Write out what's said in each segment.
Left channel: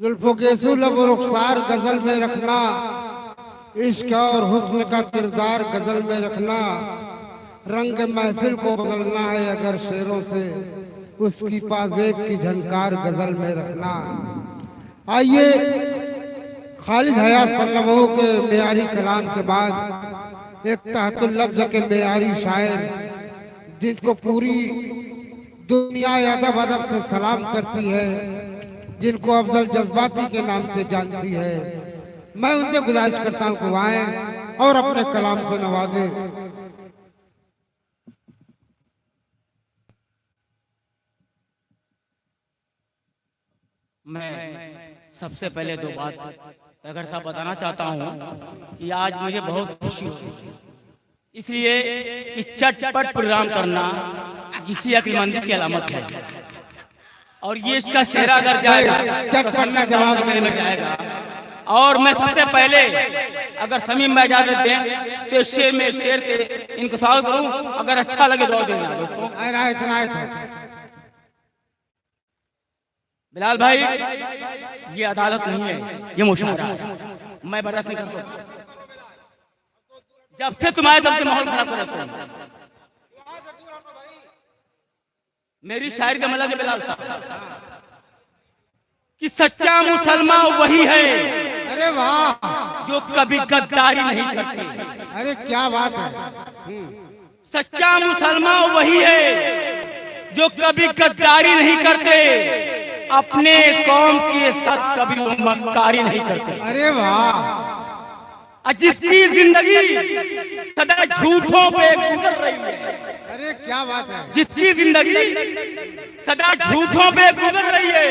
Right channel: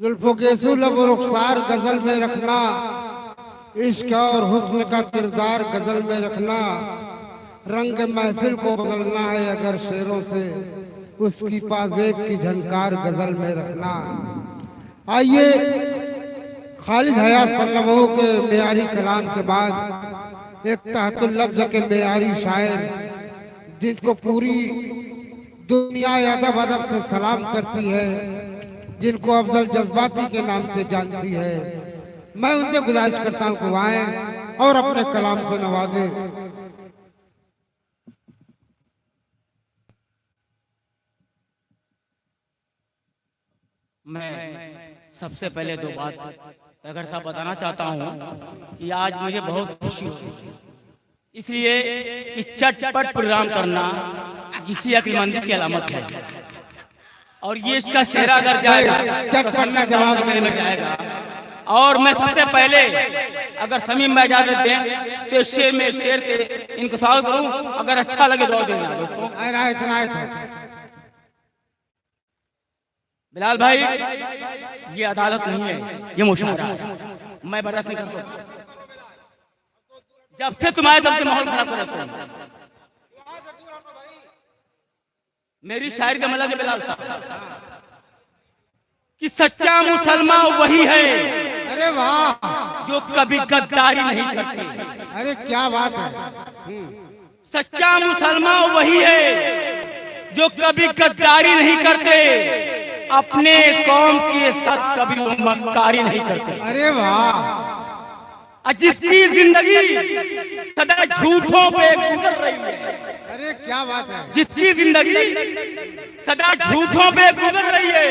जुल्फो गेसू लब रुखसार गजल में रखना, इश्क और हुस्न का किरदार गजल में रखना, रंग महफिल को बदलना है अगर शेरों से, उसकी पाजेब की झनकार गजल में रखना। आइए खालिद हयात सल्लल्लाहु के मेयारी कलाम के बाद एक तहतुल लफ्ज़ के मेयारी शायर, जिनको पूरी दुनिया अदब अदब से सलाम करती है, जिनको अफजल जज्बाती के नाम से जानती है, मैं उनसे गुजारिश करता हूँ कि आएं और अपने कलाम से नवाजे। मैं सबसे पहले दो बात अगर साहब बताना चाहता हूँ कि आज मुझे बहुत खुशी हो रही है, इसलिए कि चटपट प्रोग्राम करना किसी अक्लमंदी की अलामत है। और ये इसका चेहरा अगर जाएगा चटपट का जवाब मेरे में जाएगा। और मैं सबसे पहले अगर समीम में इजाजत दें तो शेर में शेर से इनको स्वागत करूं, अगर अच्छा लगे दुआ देना दोस्तों। बिलाल भाई, ये अदालत नहीं है, ये मुशावरा है, मैं बर्दाश्त नहीं कर सकता। जब से तुम आए तब से माहौल खराब कर रहे हो। मेरी शायरी का मतलब बिलाल साहब कि सच्चा मुसलमान वही है, अरे वाह, जो कभी गद्दारी नहीं करते। अरे क्या बात है। सच्चा मुसलमान वही है जो कभी गद्दारी नहीं करते, अपने कौम के साथ कभी मक्कारी नहीं करते। अरे वाह, जिसकी जिंदगी सदा झूठों पे गुजर रही है, अरे क्या बात है। जिसकी जिंदगी सदा झूठों पे गुजर रही है,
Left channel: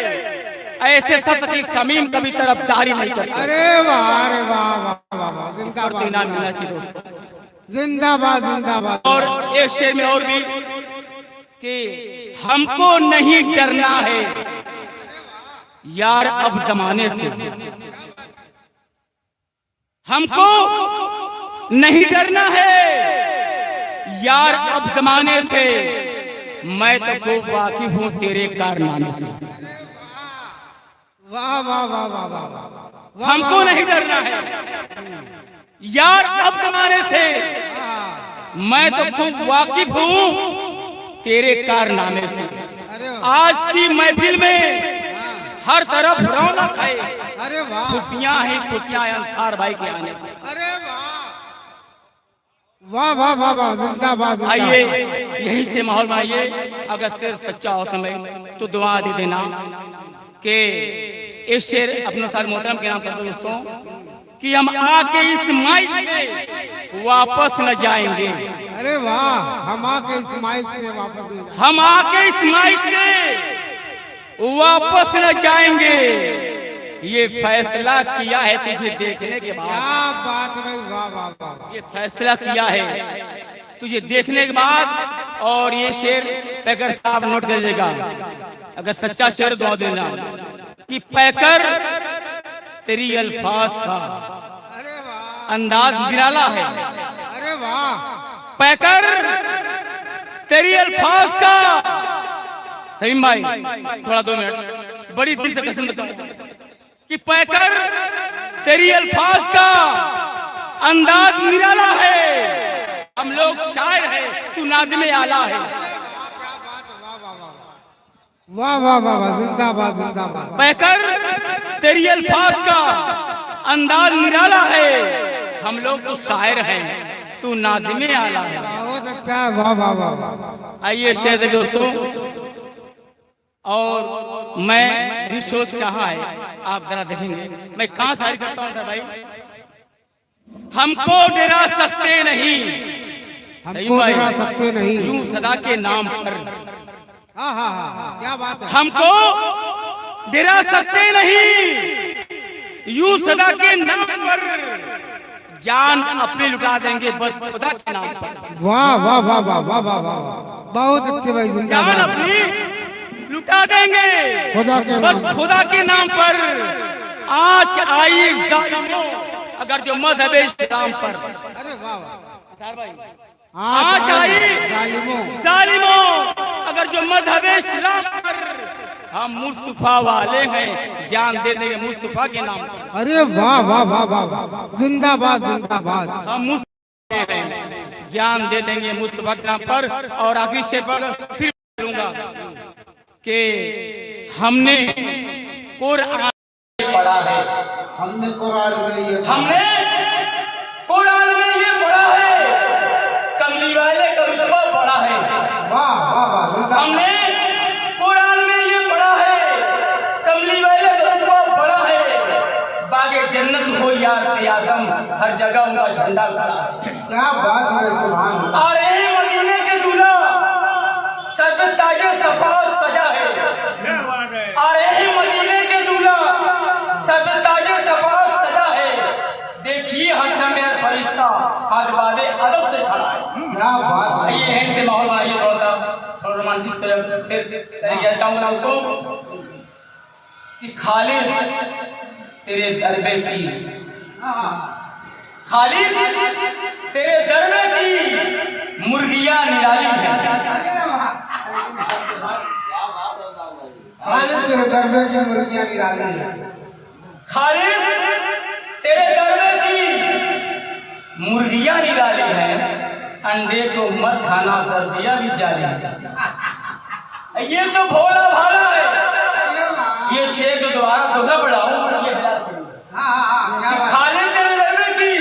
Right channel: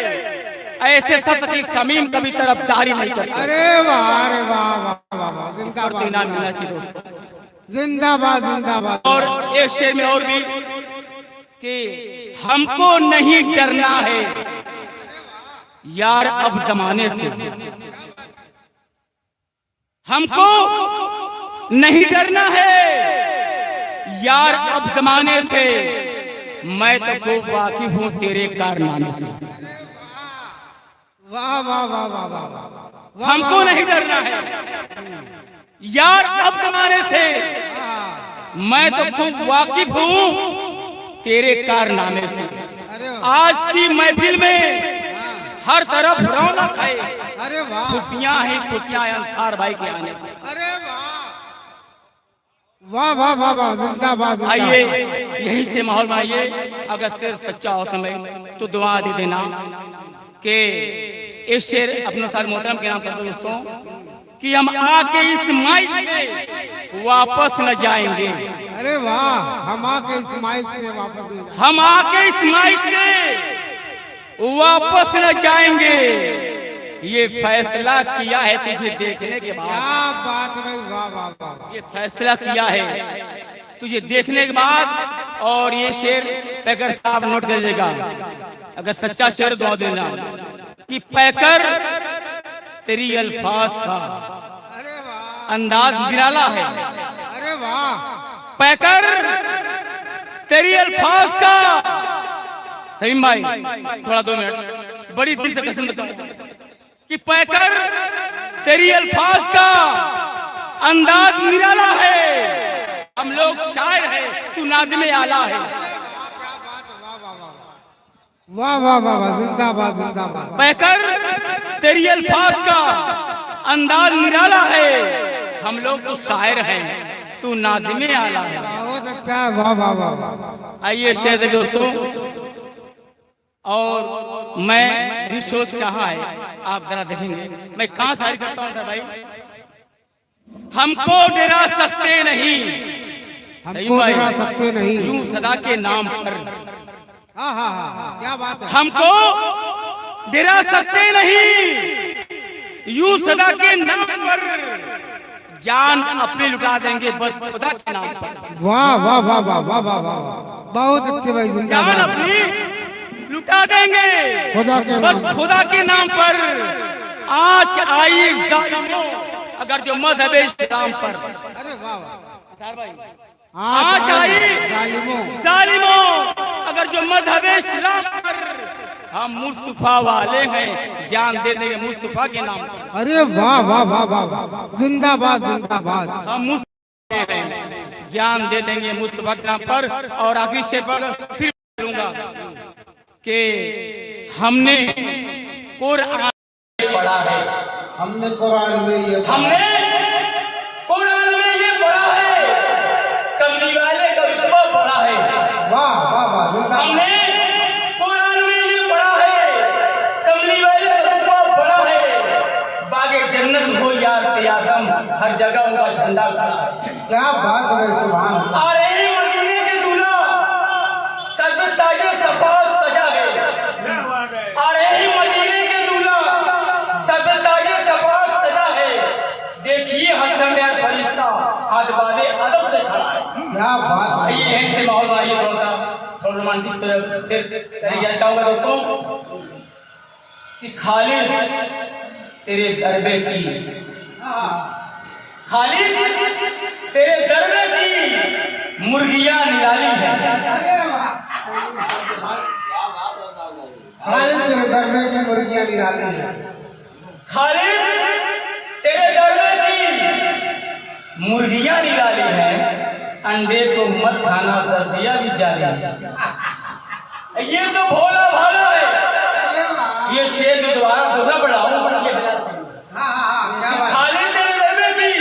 ऐसे शख्स की समीम कभी तरफदारी नहीं करता। अरे वाह, अरे वाह वाह वाह वाह, जिंदाबाद इनाम मिलना चाहिए दोस्तों, जिंदाबाद जिंदाबाद। और एक शेर में और भी कि हमको नहीं डरना है यार अब जमाने से, हमको नहीं डरना है यार अब जमाने से, मैं तो खूब वाकिफ हूँ तेरे कारनामे से। वाह वाह वाह वाह वाह वाह, हमको नहीं डरना है यार अब जमाने से, मैं तो खूब वाकिफ हूँ तेरे कारनामे से। आज की महफिल में हर तरफ रौनक है, अरे वाह, खुशियां ही खुशियां अंसार भाई के आने की। अरे वाह वाह वाह वाह, जिंदाबाद। आइए यहीं से माहौल में आइए, अगर शेर सच्चा हो समय तो दुआ दे देना कि इस शेर अपने साथ मोहतरम के नाम कर दो दोस्तों कि हम आके इस माइक से वापस न जाएंगे। अरे वाह, हम आके इस माइक से वापस न, हम आके इस माइक से वापस न जाएंगे, ये फैसला किया है तुझे देखने के बाद। क्या बात है, वाह वाह वाह, ये फैसला किया है तुझे देखने के बाद। और ये शेर पैकर साहब नोट कर लीजिएगा, अगर सच्चा शेर दुआ देना कि पैकर तेरी अल्फाज का अरे वाह, अंदाज निराला है। अरे वाह, पैकर तेरी अल्फाज का, सहीम भाई थोड़ा 2 मिनट, बड़ी दिल से कसम कि पैकर तेरी अल्फाज का अंदाज निराला है, हम लोग शायर हैं तू नाज़िम आला है। वाह वाह वाह वाह, जिंदाबाद जिंदाबाद। पैकर तेरी अल्फाज का अंदाज निराला है, हम लोग तो शायर हैं तू नाज़िम आला है। बहुत अच्छा, वाह वाह वाह। आइए शेर दोस्तों, और मैं रिसोर्स कहाँ है आप जरा देखेंगे, मैं कहाँ शायरी करता हूँ भाई। हमको डरा सकते नहीं, हमको डरा सकते नहीं, यूं सदा के नाम पर। हाँ हाँ हाँ, क्या बात है। हमको डरा सकते नहीं, यूं सदा के नाम पर, जान अपने लुटा देंगे बस खुदा के नाम पर। वाह वाह वाह वाह वाह वाह वाह, बहुत अच्छे भाई, जान जिंदाबाद। अपनी लुटा देंगे खुदा के बस नाम, खुदा के नाम पर। आँच आई जालिमों अगर जो मजहब इस्लाम पर। अरे वाह वाह, भाई आज आई जालिमों, जालिमों अगर जो मजहब इस्लाम पर, हम मुस्तफा वाले हैं, जान दे देंगे मुस्तफा के नाम पर। अरे वाह वाह वाह वाह वाह, जिंदाबाद जिंदाबाद। हम मुस्तफा हैं, जान दे देंगे मुस्तफा के नाम पर। और आखिरी शेर पर फिर बोलूंगा कि हमने कुरान पढ़ा है, हमने कुरान में ये हमने कुरान में ये पढ़ा है, कमली वाले का रुतबा पढ़ा है। वाह वाह वाह, जिंदाबाद। हमने कुरान में ये पढ़ा है, कमली वाले का रुतबा पढ़ा है। बागे जन्नत हो यार से आदम, हर जगह उनका झंडा खड़ा है। क्या बात है, सुभान अल्लाह। आ रहे मदीने के दूल्हा, सर पे ताजे सफाद सजा है। आ रहे मदीने के दूल्हा, सर पे ताजे सफाद सजा है। देखिए हश्र में फरिश्ता हाथ बांधे अदब से खड़ा है। क्या बात है। ये है से माहौल भाई, थोड़ा रोमांटिक से कहना चाहूंगा दोस्तों कि खालिद तेरे दरबे की, खालिद तेरे दरबे की मुर्गियां निराली है। खालिद तेरे दरबे की मुर्गियां निराली है। खालिद तेरे दरबे की मुर्गियां निराली है। अंडे तो मत खाना, सर्दियां भी जारी है। ये तो भोला भाला है। ये शेर जो दोहरा बढ़ाऊं ये बयान करूं। खालिद तेरे दरबे की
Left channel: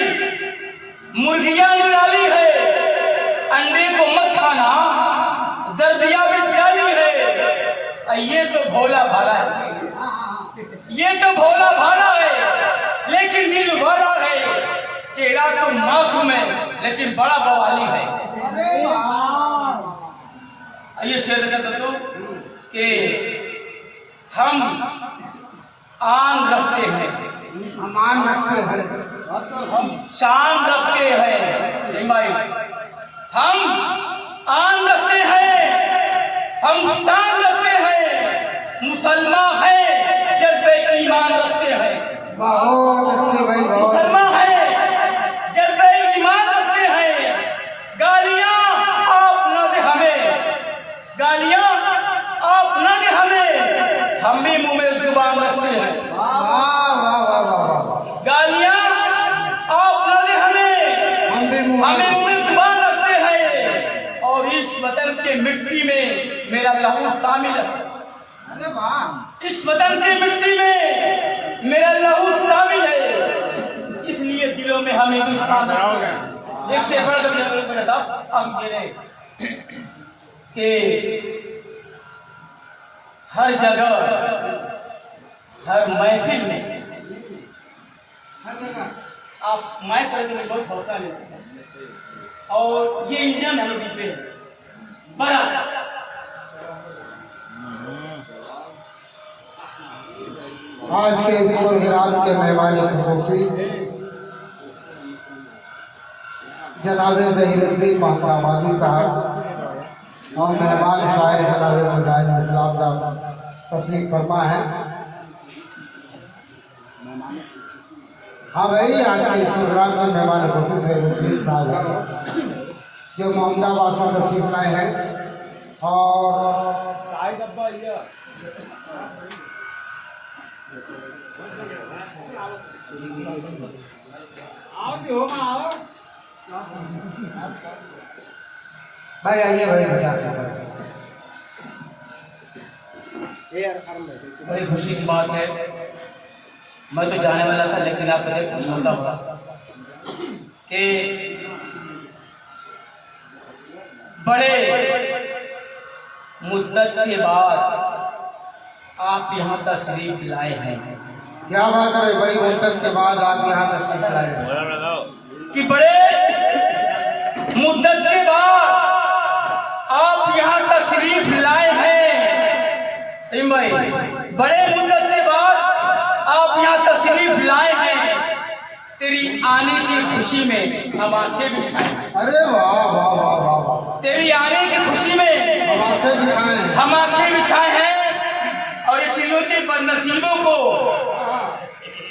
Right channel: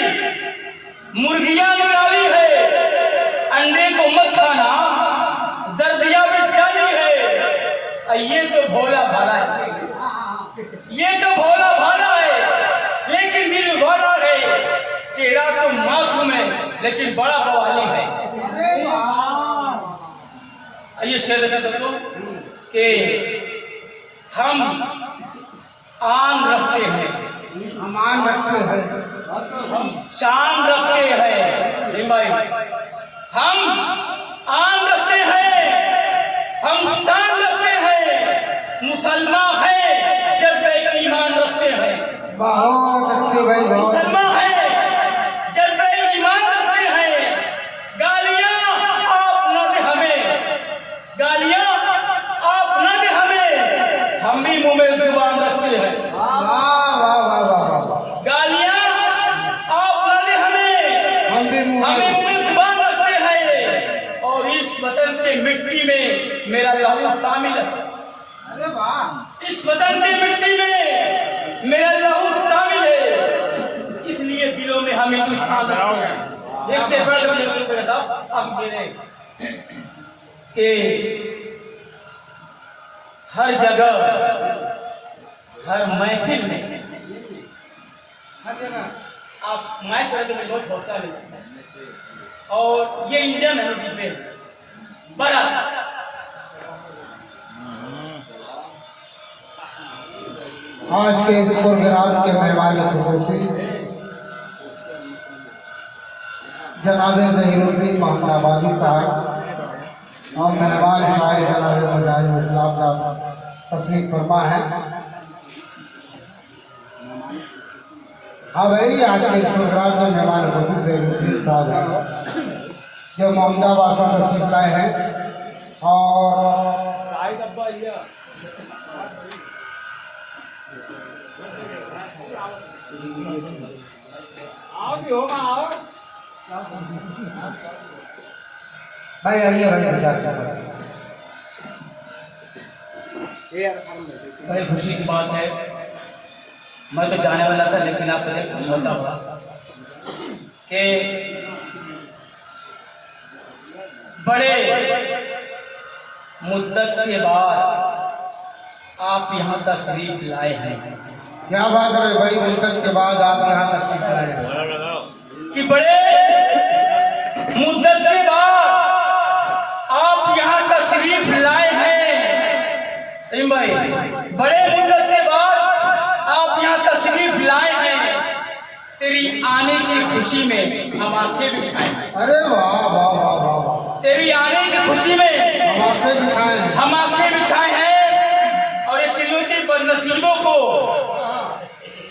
मुर्गियां निराली है। अंडे को मत खाना, सर्दियां भी जारी है। ये तो भोला भाला है, ये तो भोला भाला है, लेकिन दिल बड़ा है। चेहरा तो मासूम है, लेकिन बड़ा बवाली है। ये शेर कहता तो कि हम आन रखते हैं, हम मान रखते हैं, हम शान रखते हैं। हम आन रखते हैं, हम शान रखते हैं। मुसलमान है, जज्बे ईमान रखते हैं। बहुत अच्छी भाई, बहुत मुसलमान है, जज्बे ईमान रखते हैं। गालियां आप न दे हमें, गालियां आप न दे हमें, हम भी मुंह में जुबान रखते हैं। वाह वाह वाह वाह। गालियां आप न दे हमें, हम भी मुंह हमें मुंह में जुबान रखते हैं। और इस वतन के मिट्टी में मेरा लहू शामिल है। अरे वाह। इस वतन की मिट्टी में मेरा लहू शामिल है, इसलिए दिलों में हम हिंदुस्तान रखते हैं। एक शेर पढ़ दो साहब, आप शेर है कि हर जगह, हर महफिल में, आप माइक करने में बहुत हौसला लेते हैं। और ये इंडियन है बड़ा आज के इस प्रोग्राम के मेहमान खुसूसी जनाब ज़हीरुद्दीन मोहम्मदाबादी साहब और मेहमान शायर जनाब मुजाहिद इस्लाम साहब तशरीफ फरमा है। हाँ भाई, आज के इस प्रोग्राम में मेहमान खुसूसी ज़हीरुद्दीन साहब हैं जो मोहम्मदाबाद से तशरीफ लाए हैं। और भाई आइए भाई, बड़ी खुशी की बात है। मैं तो जाने वाला था, लेकिन आप मुझे खुश होता हुआ कि बड़े मुद्दत के बाद आप यहाँ तशरीफ लाए हैं। क्या बात है भाई, बड़ी मुद्दत के बाद आप यहाँ तशरीफ लाए हैं। कि बड़े मुद्दत के बाद आप यहाँ तशरीफ लाए हैं। सही भाई, बड़े मुद्दत के बाद आप यहाँ तशरीफ लाए हैं। तेरी आने की खुशी में हम आंखें बिछाए। अरे वाह वाह वाह वाह वाह। तेरी आने की खुशी में हम आंखें बिछाए हैं। हम आंखें बिछाए हैं। और इसलिए के बदनसीबों को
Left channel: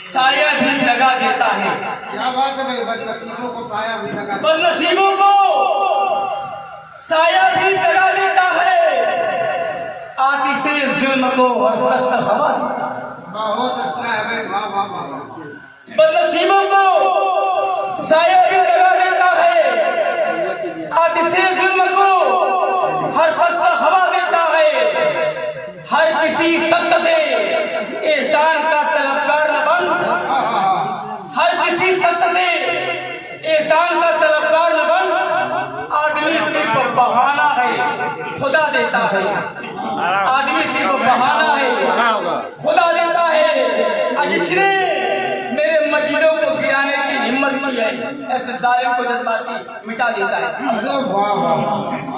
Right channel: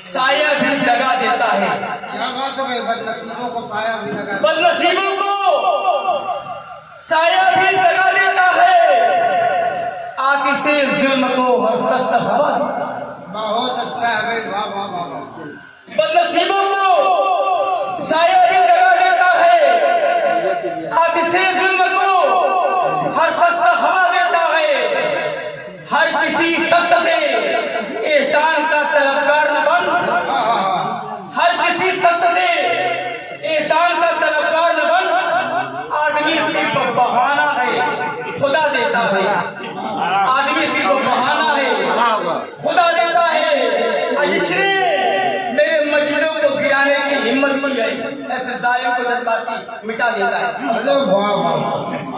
साया भी लगा देता है। क्या बात है भाई, बदनसीबों को साया भी लगा, बदनसीबों को साया भी लगा देता है। आतिशे जुल्म को हर सख्त हवा देता है। बहुत अच्छा है भाई, वाह वाह वाह वाह। बदनसीबों को साया भी करा देता है। आतिशे जुल्म को हर सख्त हवा देता है। हर किसी सख्त से एहसान का तलबगार न बन। हर किसी सख्त से एहसान का तलबगार न बन। आदमी सिर्फ बहाना है, खुदा देता है। आदमी सिर्फ बहाना है, खुदा देता है। आज इसने मेरे मस्जिदों को गिराने की हिम्मत की है, ऐसे जालिम को जज्बाती मिटा देता है। अरे वाह वाह वाह।